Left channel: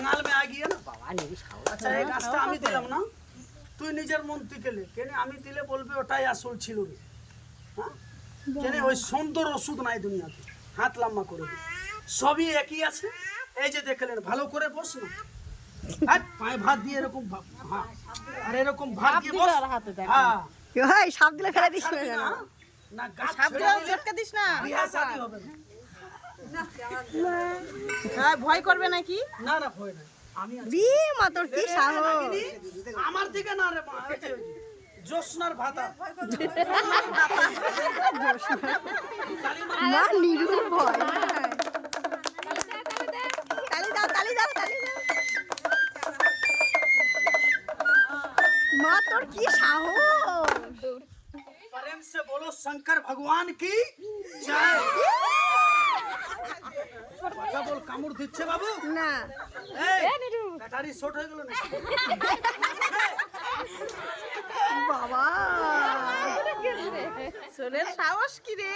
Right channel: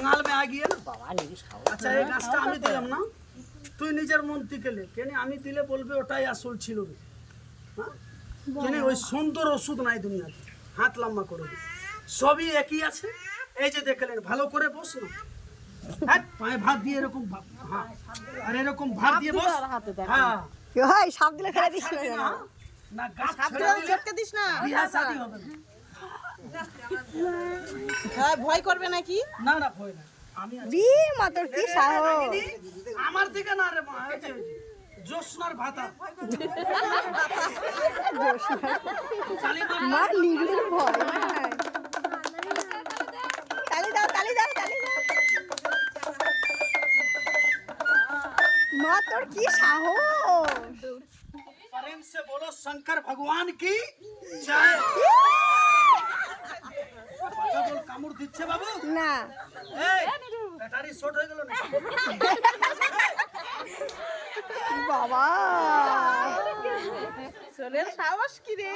जंगल में आ गई है ना बाबा नहीं अच्छा এই গাছটা আমি দিলাম না তুই নিজের মন থেকে লে কেন আমি দিলে বলবি ওটাই আসল ছিল রে হ্যাঁ কেন ওই সুন্দর ওষুধ নাই দুনিয়াতে হাত লম্বা করে দে সবই একই আছে এই যে দেখলেন ভালো করে বস না হাত পায়ে ভাত দিয়ে এরকম হ্যাঁ আর এরকম ভাত দিয়ে বস হ্যাঁ ভাই সাপ দিলে ফেলে দিস না না গাছ সাপ দিলে চটকে দিস না বিয়া শাদী হবে না হ্যাঁ ভয় করবে নাকি না না ভয় নাই আমি আছি। রি মা তোর কি সাহস আমার দিকে না রে মা এই যে জোসনার ভাতা মা নিরুর ভয় নাই তালি দাও তালি দাও তালি দাও মা তোর কি সাহস प्रेम से बोलो शंकर भगवान की जय বাবা বল কামড় দিচ্ছে বাবু না এই ব্যাটারি শর্ট হয়ে গেল না বাবা সোনের সাহস কি রে